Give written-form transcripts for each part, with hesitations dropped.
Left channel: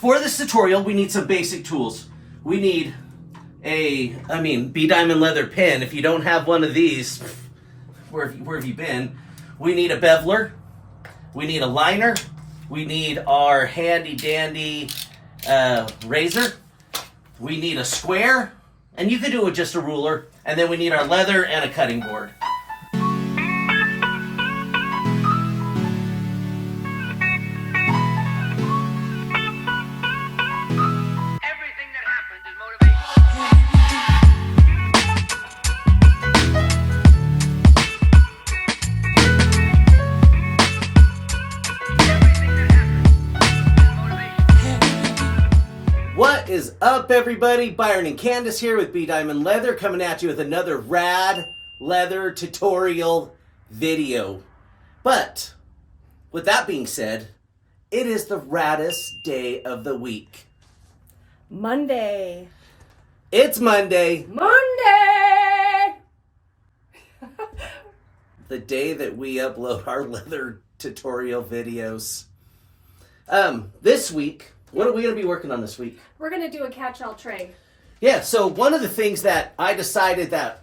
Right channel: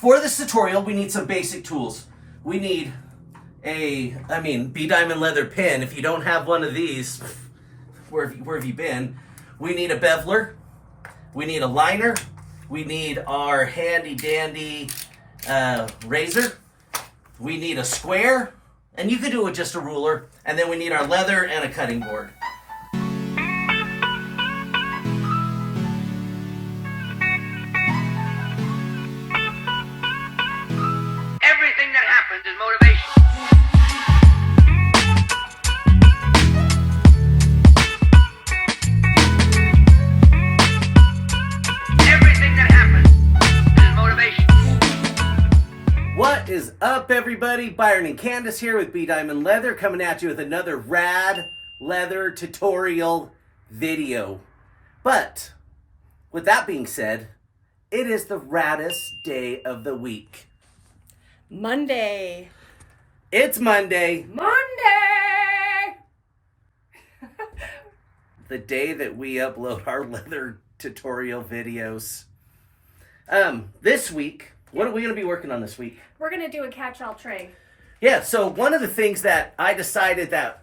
for this tutorial, we need some basic tools. We need Bdiamond leather pin. If you don't have one of these, where have you been? We need a beveler. We need a liner. We need our handy dandy razor. We need a square, and you could do it with just a ruler. And then we need our leather and a cutting board. What is up, everybody? Byron and Candace here with Bdiamond Leather, coming at you with another rad leather tutorial video. But with that being said, it is the raddest day of the week. Monday. It's Monday. Monday! The day that we upload our leather tutorial videos. This week, what are we going to be working on this week? We're going to do a catch-all tray. Yeah, so one of the things that I decided that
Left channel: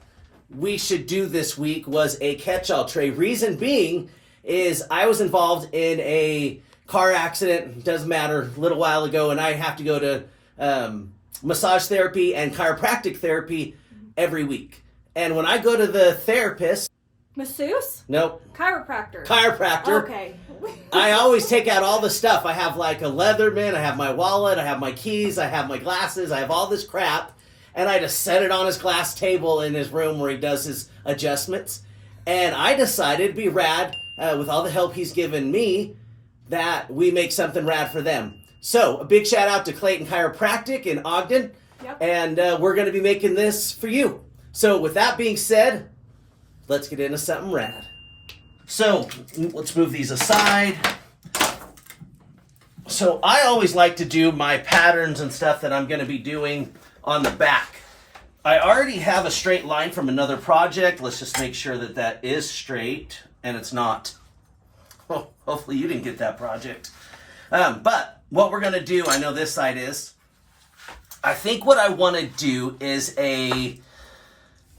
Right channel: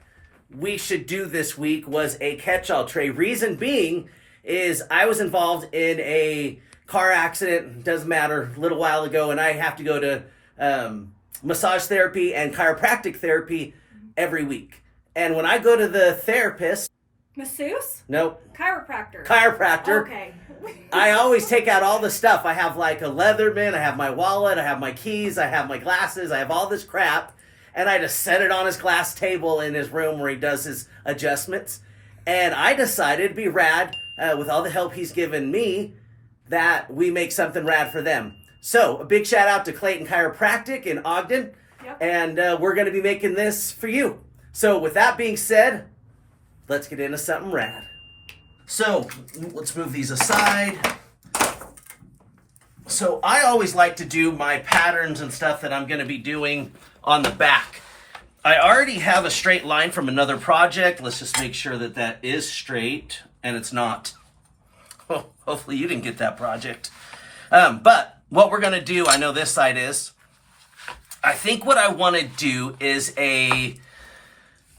we should do this week was a catch-all tray. Reason being is I was involved in a car accident, doesn't matter, a little while ago, and I have to go to massage therapy and chiropractic therapy every week. And when I go to the therapist... Masseuse? Nope. Chiropractor. Chiropractor. Okay. I always take out all the stuff. I have like a Leatherman, I have my wallet, I have my keys, I have my glasses, I have all this crap. And I just set it on his glass table in his room where he does his adjustments. And I decided it'd be rad, with all the help he's given me, that we make something rad for them. So, a big shout out to 𝐋𝐞𝐭'𝐬 Chiropractic in Ogden. Yep. And we're going to be making this for you. So, with that being said, let's get into something rad. So, let's move these aside. So, I always like to do my patterns and stuff that I'm going to be doing on the back. I already have a straight line from another project. Let's just make sure that that is straight, and it's not. Oh, hopefully you didn't get that project. But what we're going to do, I know this side is, I think what I want to do is a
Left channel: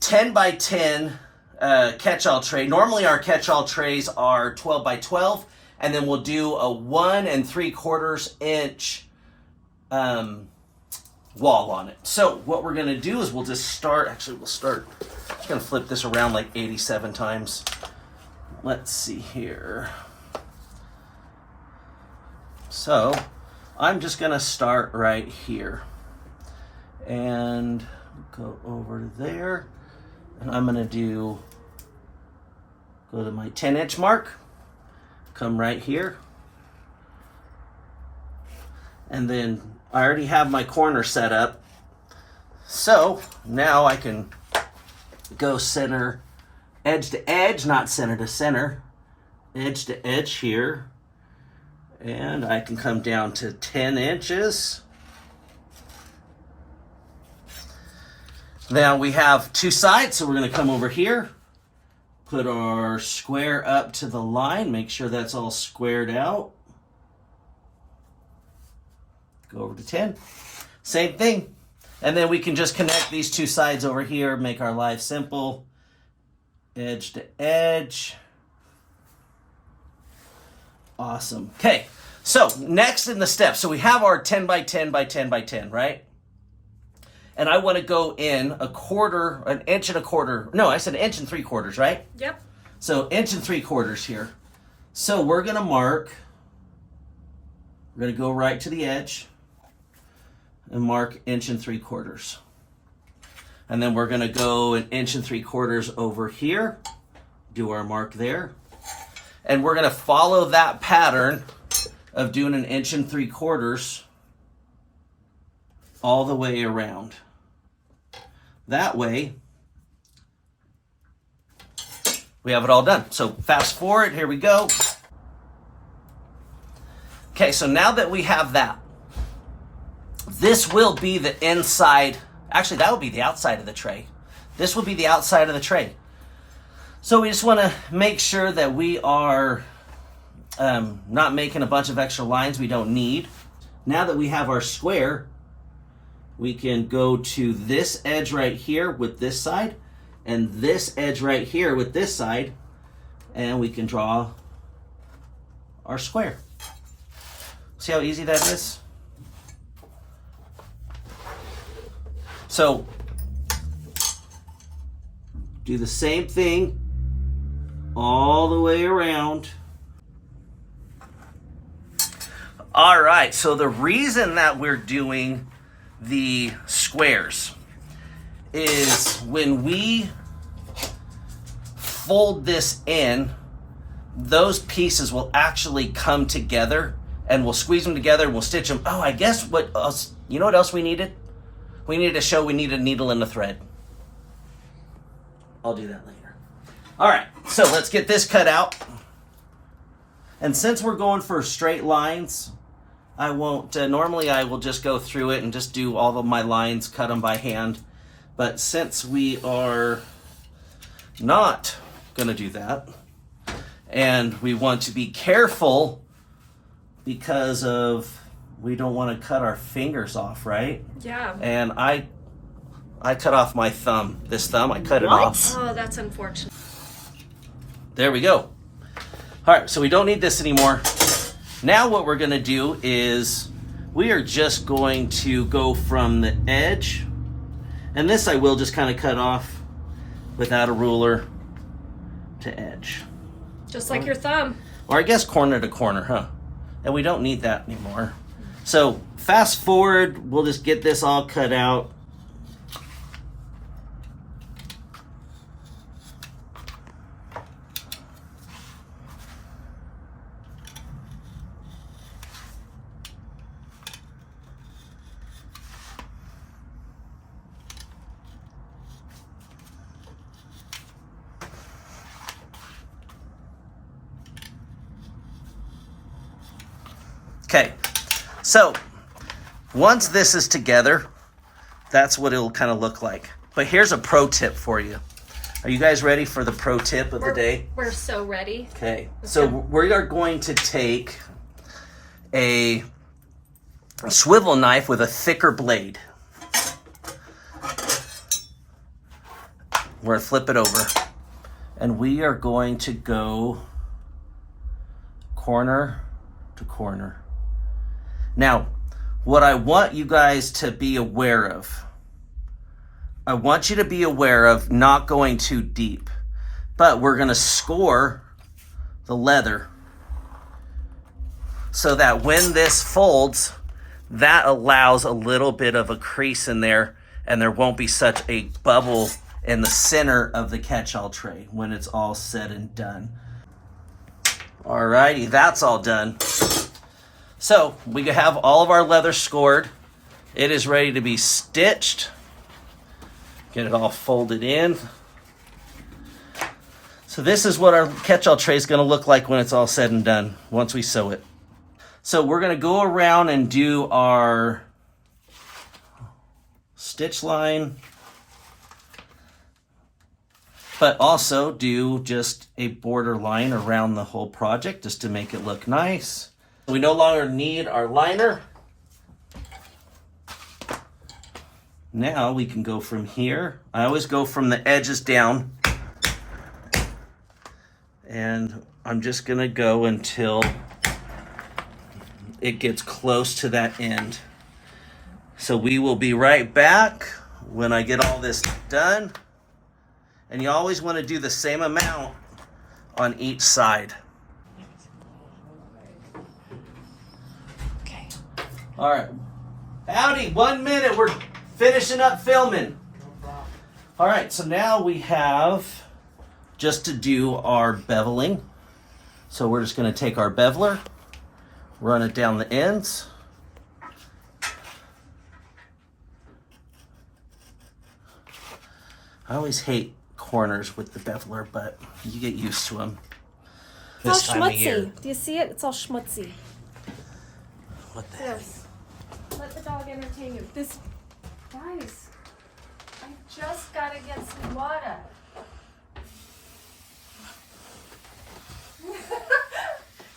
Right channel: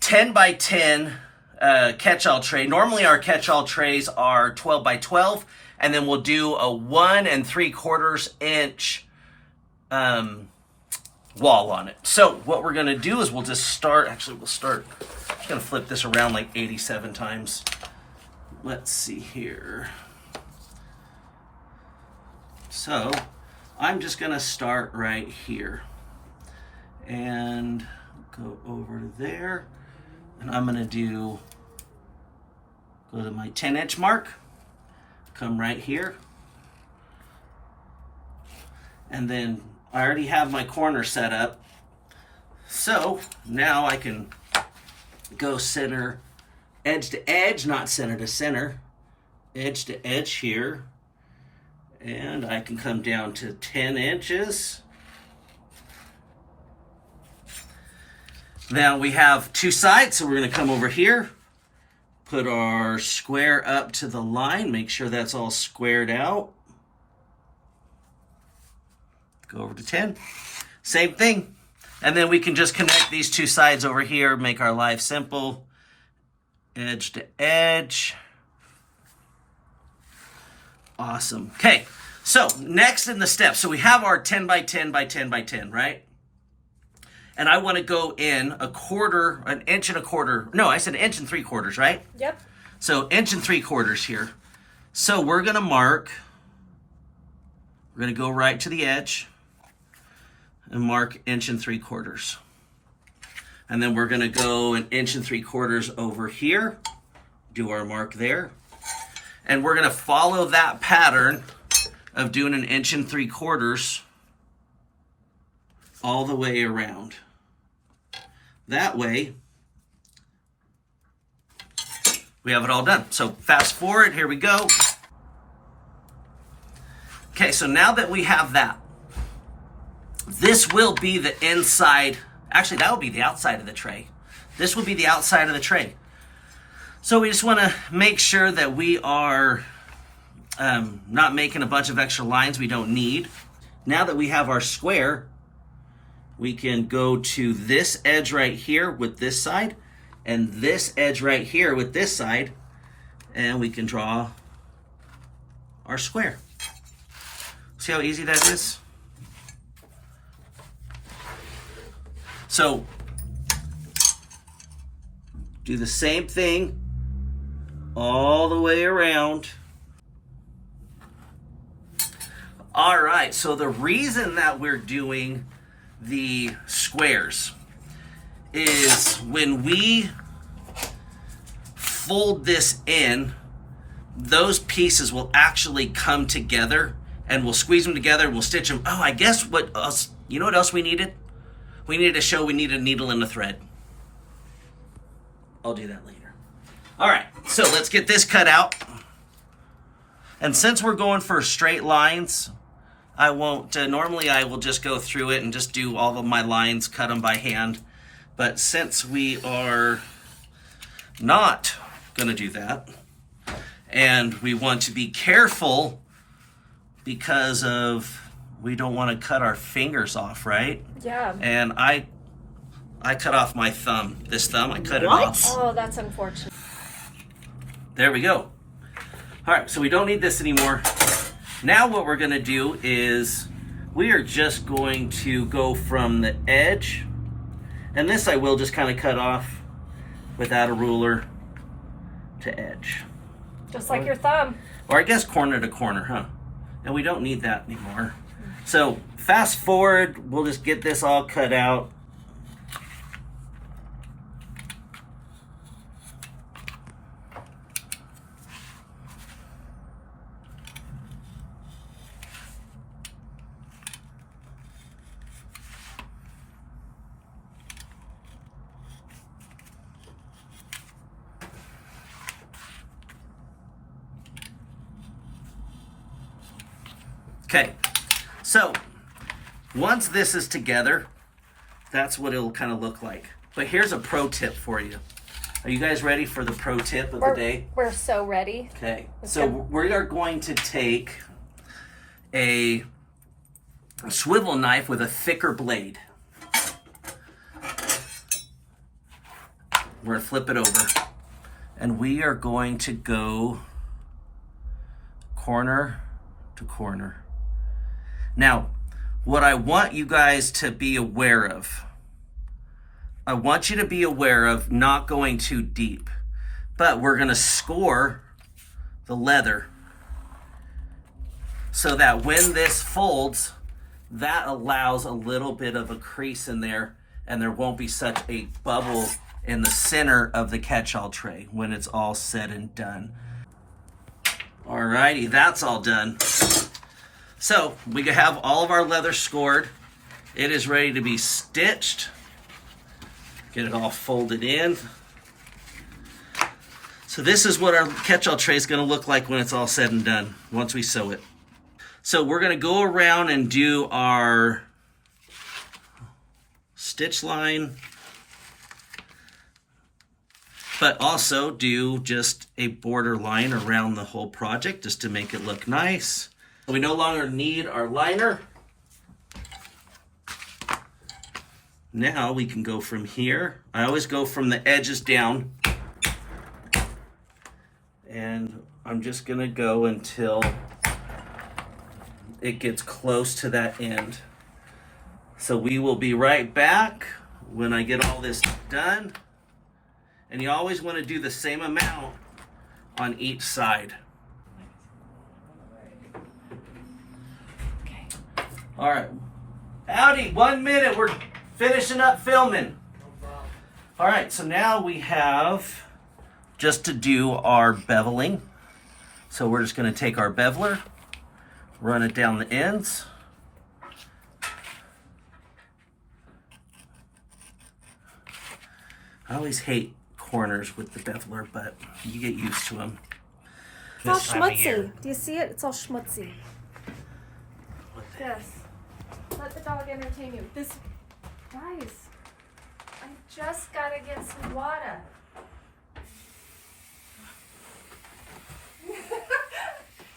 10 by 10 catch-all tray. Normally our catch-all trays are 12 by 12, and then we'll do a 1 3/4 inch wall on it. So what we're gonna do is we'll just start, I'm just gonna flip this around like 87 times. Let's see here. So I'm just gonna start right here and go over there, and I'm gonna go to my 10-inch mark, come right here, and then I already have my corner set up. So now I can go center, edge to edge, not center to center, edge to edge here, and I can come down to 10 inches. Now we have two sides, so we're going to come over here, put our square up to the line, make sure that's all squared out. Go over to 10. Same thing. And then we can just connect these two sides over here, make our life simple. Edge to edge. Awesome. Okay, so next in the steps, so we have our 10 by 10 by 10 by 10, right? And I want to go in an inch and a quarter. No, I said 1 3/4, right? Yep. So 1 3/4 here. So we're going to mark, we're going to go right to the edge and mark 1 3/4. And then we're going to go 1 3/4 over here, do our mark there. And we're going to follow that pattern of doing 1 3/4 all the way around. That way, we have it all done. So fast forward, here we go. Okay, so now that we have that, this will be the inside, actually that will be the outside of the tray. This will be the outside of the tray. So we just want to make sure that we are not making a bunch of extra lines we don't need. Now that we have our square, we can go to this edge right here with this side and this edge right here with this side, and we can draw our square. See how easy that is? So do the same thing all the way around. All right, so the reason that we're doing the squares is when we fold this in, those pieces will actually come together, and we'll squeeze them together and we'll stitch them. Oh, I guess what else, you know what else we needed? We needed to show we need a needle and a thread. I'll do that later. All right, so let's get this cut out. And since we're going for straight lines, I won't, normally I will just go through it and just do all of my lines, cut them by hand. But since we are not gonna do that, and we want to be careful because of, we don't wanna cut our fingers off, right? Yeah. And I cut off my thumb. This thumb, I cut it off. Oh, that's unfortunate. There we go. All right, so we don't need this anymore. Now what we're gonna do is we are just going to go from the edge, and this I will just kind of cut off without a ruler to edge. Just like your thumb. Or I guess corner to corner, huh? And we don't need that anymore. So fast forward, we'll just get this all cut out. Okay, so once this is together, that's what it'll kind of look like. But here's a pro tip for you. Are you guys ready for the pro tip of the day? We're so ready. Okay, so we are going to take a swivel knife with a thicker blade. We're gonna flip it over, and we are going to go corner to corner. Now, what I want you guys to be aware of, I want you to be aware of not going too deep, but we're gonna score the leather so that when this folds, that allows a little bit of a crease in there, and there won't be such a bubble in the center of the catch-all tray when it's all said and done. Alrighty, that's all done. So we have all of our leather scored. It is ready to be stitched. Get it all folded in. So this is what our catch-all tray is going to look like when it's all said and done, once we sew it. So we're going to go around and do our stitch line, but also do just a border line around the whole project just to make it look nice. We no longer need our liner. Now we can go from here. I always go from the edges down. And I'm just gonna go until it gets close to that end. So we will be right back when I get all this done. And you always wanna do the same amount on each side. All right, howdy, 1 minute, we're finishing up filming. All right, so now we have just to do our beveling. So we're just gonna take our beveler, run it down the ends. I always hate corners with the beveler, but you get used to them. It's all schmutzy. Do you see it? It's all schmutzy. What the heck? Yes. Let the dog entertain you. This, guys, I just gotta get some water.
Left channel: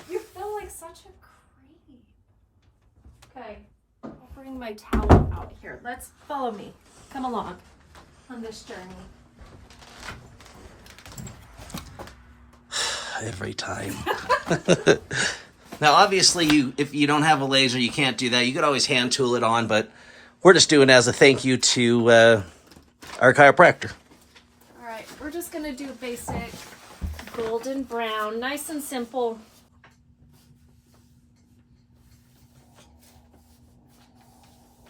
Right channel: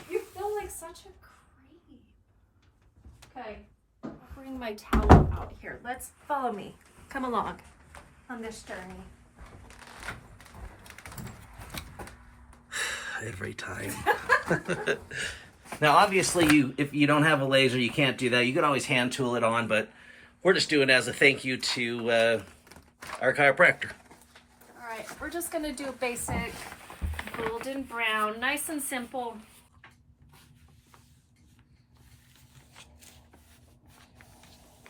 You feel like such a creep. Okay, I'll bring my towel out here. Let's follow me. Come along on this journey. Every time. Now, obviously, if you don't have a laser, you can't do that. You could always hand tool it on, but we're just doing it as a thank you to our chiropractor. All right, we're just gonna do basic golden brown, nice and simple.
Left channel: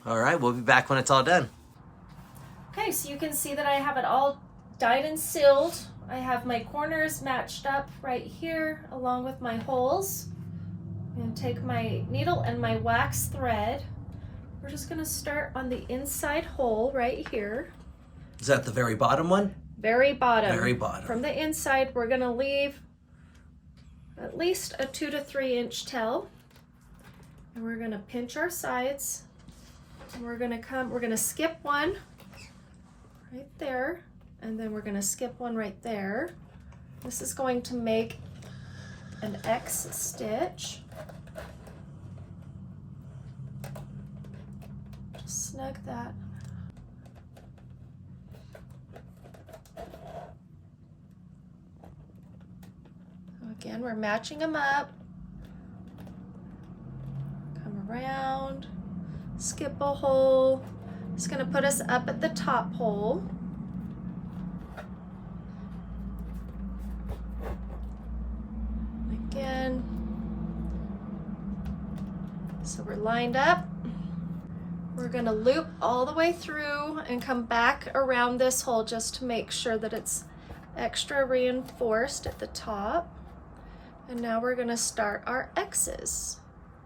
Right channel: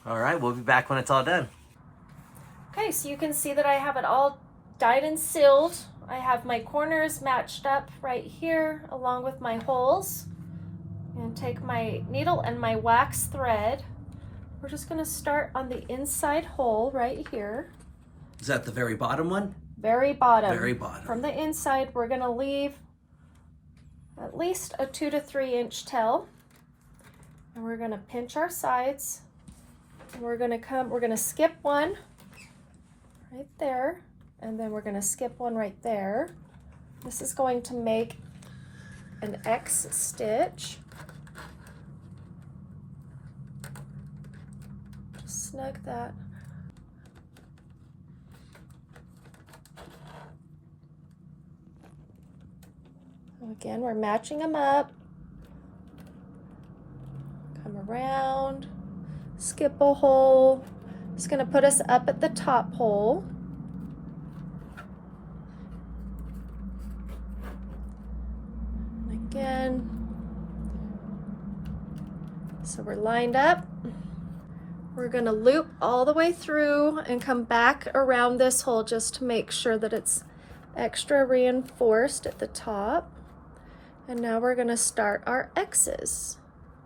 All right, we'll be back when it's all done. Okay, so you can see that I have it all dyed and sealed. I have my corners matched up right here along with my holes. I'm gonna take my needle and my wax thread. We're just gonna start on the inside hole right here. Is that the very bottom one? Very bottom. Very bottom. From the inside, we're gonna leave at least a 2 to 3 inch tail. And we're gonna pinch our sides. And we're gonna skip one right there. And then we're gonna skip one right there. This is going to make an X stitch. Just snug that. Again, we're matching them up. Come around, skip a hole. It's gonna put us up at the top hole. Again. So we're lined up. We're gonna loop all the way through and come back around this hole just to make sure that it's extra reinforced at the top. And now we're gonna start our X's.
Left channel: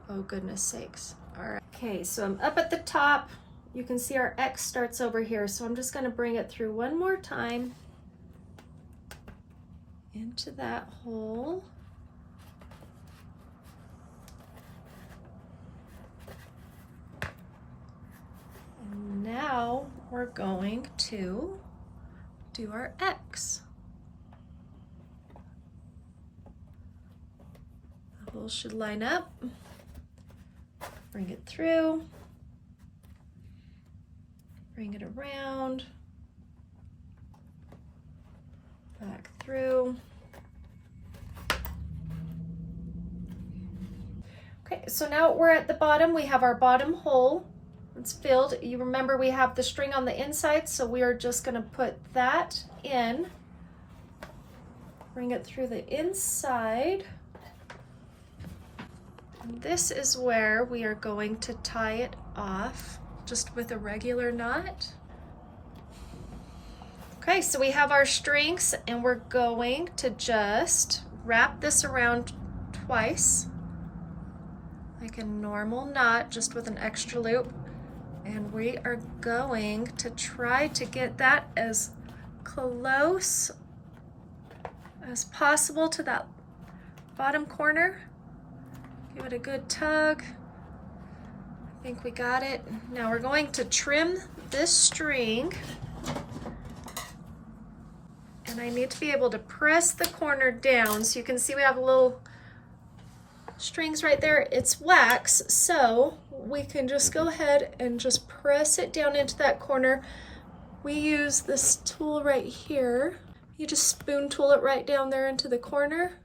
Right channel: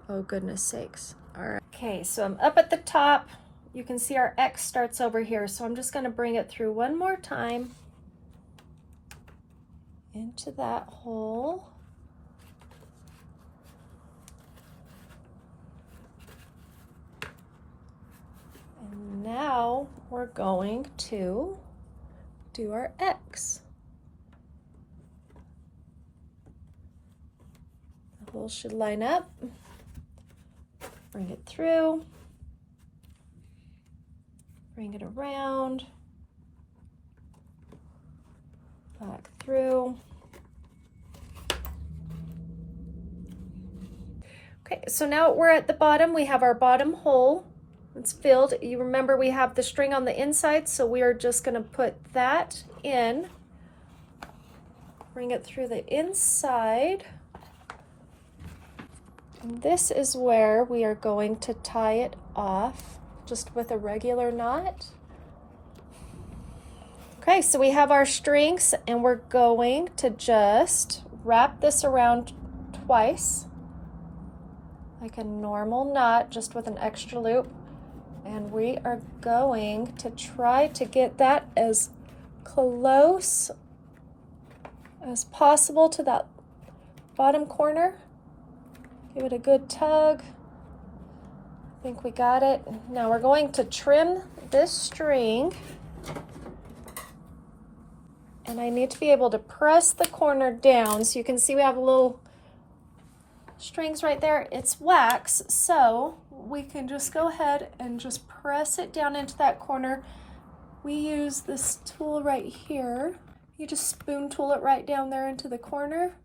Oh, goodness sakes. All right. Okay, so I'm up at the top. You can see our X starts over here. So I'm just gonna bring it through one more time into that hole. And now we're going to do our X. Holes should line up. Bring it through. Bring it around. Back through. Okay, so now we're at the bottom. We have our bottom hole. It's filled. You remember we have the string on the inside, so we are just going to put that in. Bring it through the inside. This is where we are going to tie it off just with a regular knot. Okay, so we have our strings and we're going to just wrap this around twice like a normal knot, just with an extra loop. And we are going to try to get that as close as possible to that bottom corner. Give it a good tug. I think we got it. Now we're going to trim this string. And I need to be able to press the corner down. So you can see we have little strings right there. It's wax, so we can just go ahead and just press it down into that corner. We use this tool right here. You just spoon tool it right down there into the corner.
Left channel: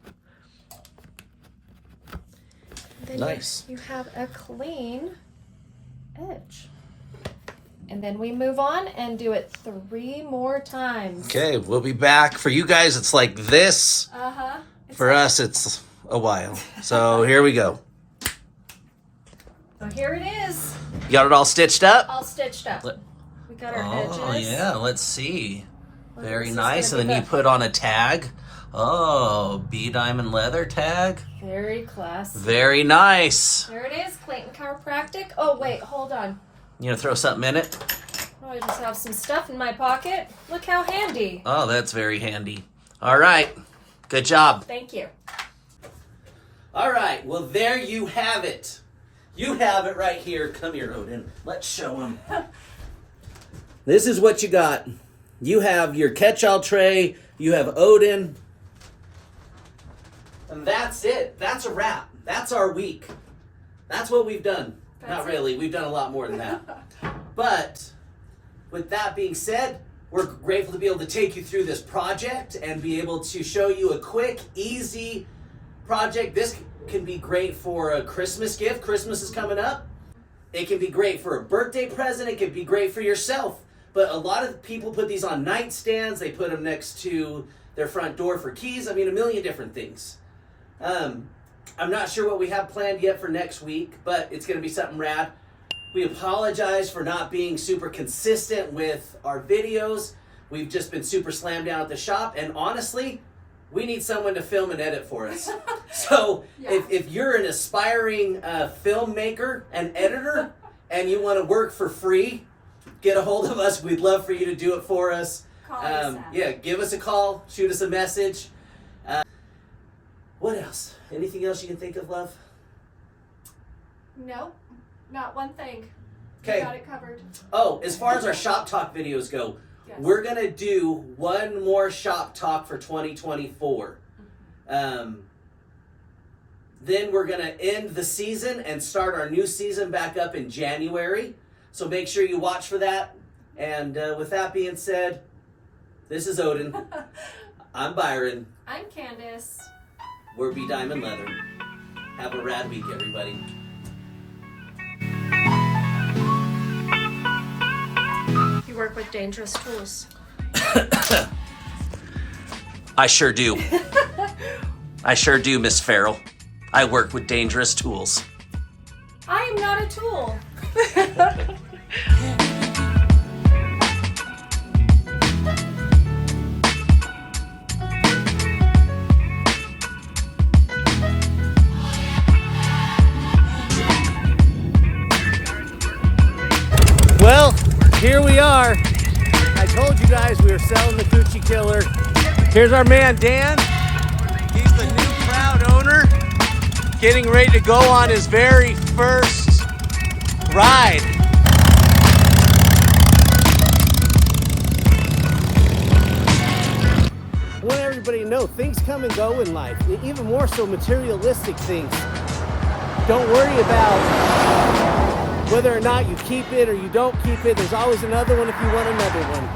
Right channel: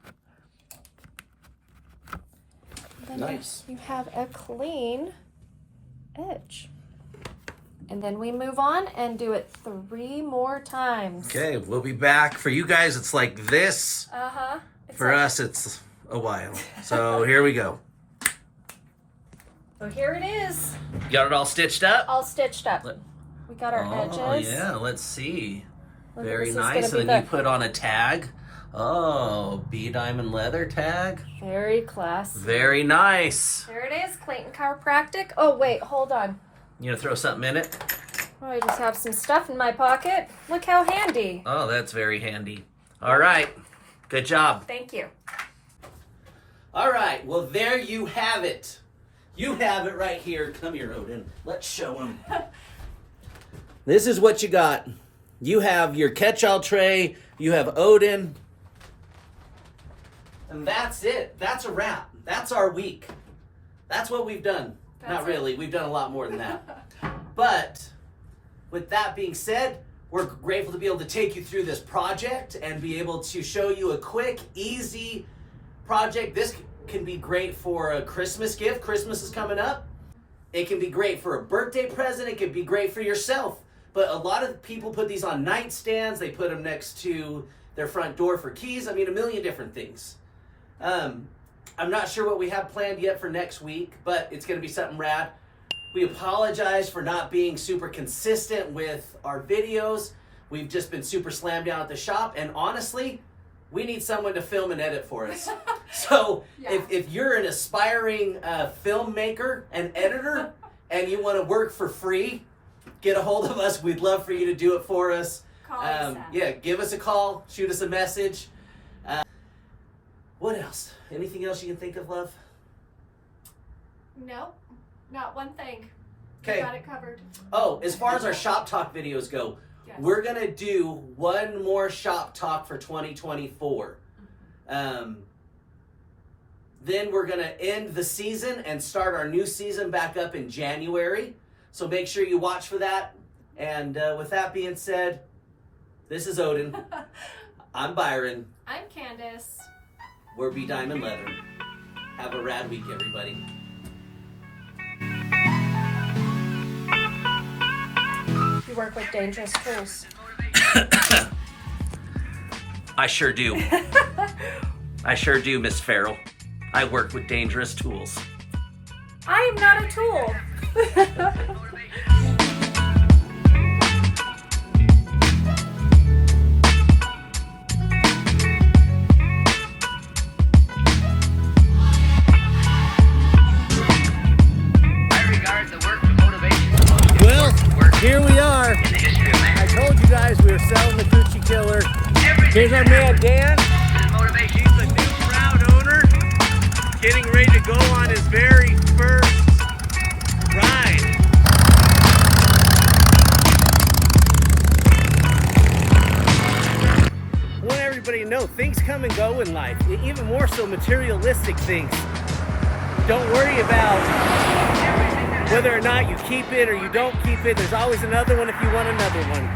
Then nice. You have a clean edge. And then we move on and do it 3 more times. Okay, we'll be back. For you guys, it's like this. For us, it's a while. So here we go. So here it is. You got it all stitched up? All stitched up. We got our edges. Oh, yeah, let's see. Very this is nice. gonna And be then you put on a tag. Oh, Bdiamond leather tag. Very classy. Very nice. There it is, 𝐿 Chiropractic. Oh, wait, hold on. You gonna throw something in it? Oh, I just have some stuff in my pocket. Look how handy. Oh, that's very handy. All right, good job. Thank you. All right, well, there you have it. You have it right here. Come here, Ogden. Let's show them. This is what you got. You have your catch-all tray. You have Ogden. And that's it. That's a wrap. That's our week. That's what we've done. Not really. We've done a lot more than that. But with that being said, we're grateful to be able to take you through this project and be able to show you a quick, easy project. This can be great for a Christmas gift. Christmas is coming up. It can be great for a birthday present. It can be great for yourself. But a lot of people put these on nightstands. They put them next to their front door for keys. I mean, a million different things. I'm not sure what we have planned yet for next week, but it's going to be something rad. We apologize for not being super consistent with our videos. We've just been super slammed down at the shop, and honestly, we need someone to film and edit for us. So if you're an aspiring filmmaker and editor and you want to work for free, get a hold of us. We'd love for you to do it for us. Yeah, give us a call, shoot us a message. What else? Anything else you can think of, love? No, not one thing. Okay. We got it covered. Oh, as far as our shop talk videos go, we're going to do one more shop talk for 2024. Then we're going to end the season and start our new season back up in January. So make sure you watch for that. And with that being said, this is Ogden. I'm Byron. I'm Candace. We're Bdiamond Leather. Have a rad week, everybody. You work with dangerous tools. I sure do. I sure do, Miss Farrell. I work with dangerous tools. I am not a tool. Well, here we are. I told you guys we were selling the Coochie Killer. Here's our man Dan. He's the new proud owner, getting ready to go on his very first ride. I want everybody to know things come and go in life, even more so materialistic things. Don't worry about whether or not you keep it or you don't keep it. There's always another one if you want another one.